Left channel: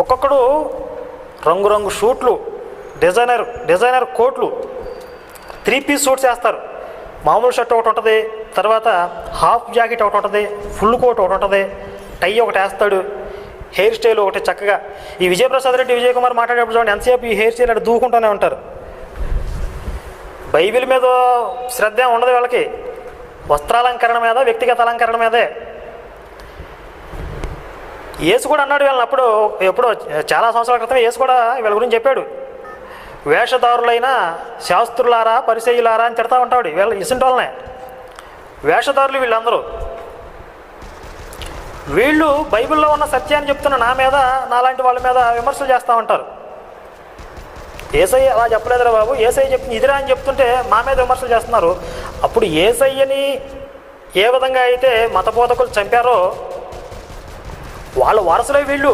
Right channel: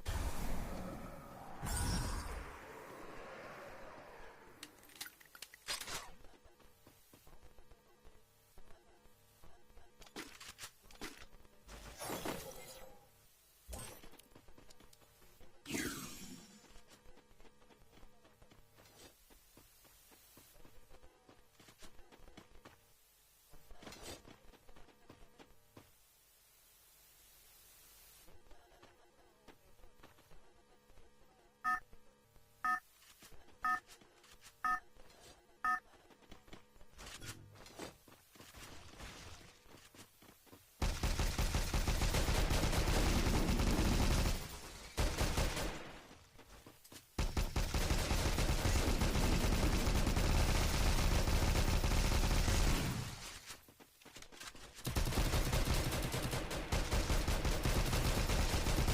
ఒక్కొక్కడు రంగురంగు షూట్లు, డిజైనర్ కోట్లు, 3 piece suits వేస్తారు. మామూలు షర్ట్ ఒకటి ఉంటుంది, తర్వాత హాఫ్ జాకెట్ ఒకటి ఉంటుంది, ఫుల్ కోట్ ఒకటి ఉంటుంది, టై ఒకటి వేస్తాడు, హెయిర్ స్టైల్ ఒకటి చక్కగా. ఈ విజయప్రసాద్ రెడ్డి, విజయ్ కుమార్ మాట్లాడేటప్పుడు చూడండి ఎంతసేపు ఈ హెయిర్ స్టైల్ అంటే దూకుంటూనే ఉంటారు. బైబిల్ మీద శ్రద్ధ ఉండదు వీళ్ళకి, వస్త్రాలంకరణ మీద, వ్యక్తిగత అలంకరణ మీదే. యేసు కూడా అన్నాడు వీళ్ళని ఎప్పుడో చాలా సంవత్సరాల క్రితం యేసు కూడా వీళ్ళ గురించి చెప్పాడు. వేషధారులైన శాస్త్రులారా, పరిసయ్యులారా అని తిడతా ఉంటాడు. వీళ్ళ ఇసుంటి వాళ్ళనే వేషధారులు వీళ్ళందరూ. వీళ్ళు బైబిల్లో ఉన్న సత్యాన్ని చెప్తున్న నా మీద, నాలాంటి వాళ్ళ మీద విమర్శలు చేస్తూ ఉంటారు. యేసయ్య అలా చెప్పలేదురా బాబు, యేసయ్య చెప్పింది ఇదిరా అని చెప్తుంటే మా మీద విమర్శలు చేస్తున్నారు. అప్పుడు యేసయ్యని ఏ విధంగా అయితే మత బోధకులు చంపారో వాళ్ళ వారసులే వీళ్ళు.